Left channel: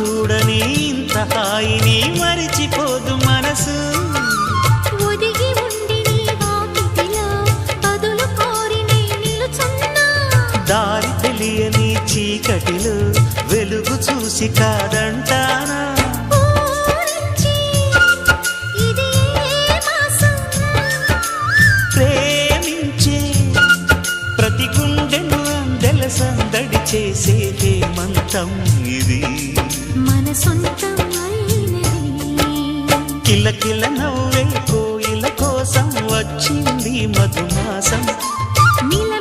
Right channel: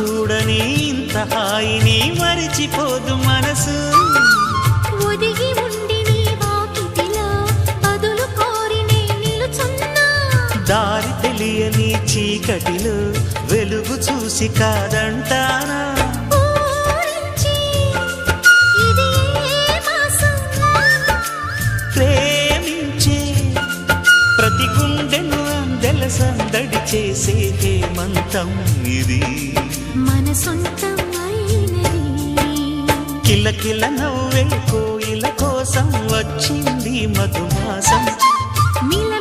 చూడని ఇంత హాయిని మరిచిపోదు మనసు. ఒదిగి ఉండి నీ వాకిటిలో బదులు కోరి నే నిలుచున్నా. దారి తెలియని చీకటిలో వెలుగు చూసి కాదంటానా. ప్రేమించే ప్రతి గుండెను అందెల సందడి చేసే హేమంతం ఇది. మన సొంతం అయినది. కిలకిల నవ్వే కోయిల కోసం వచ్చింది మధుమాసం. మిల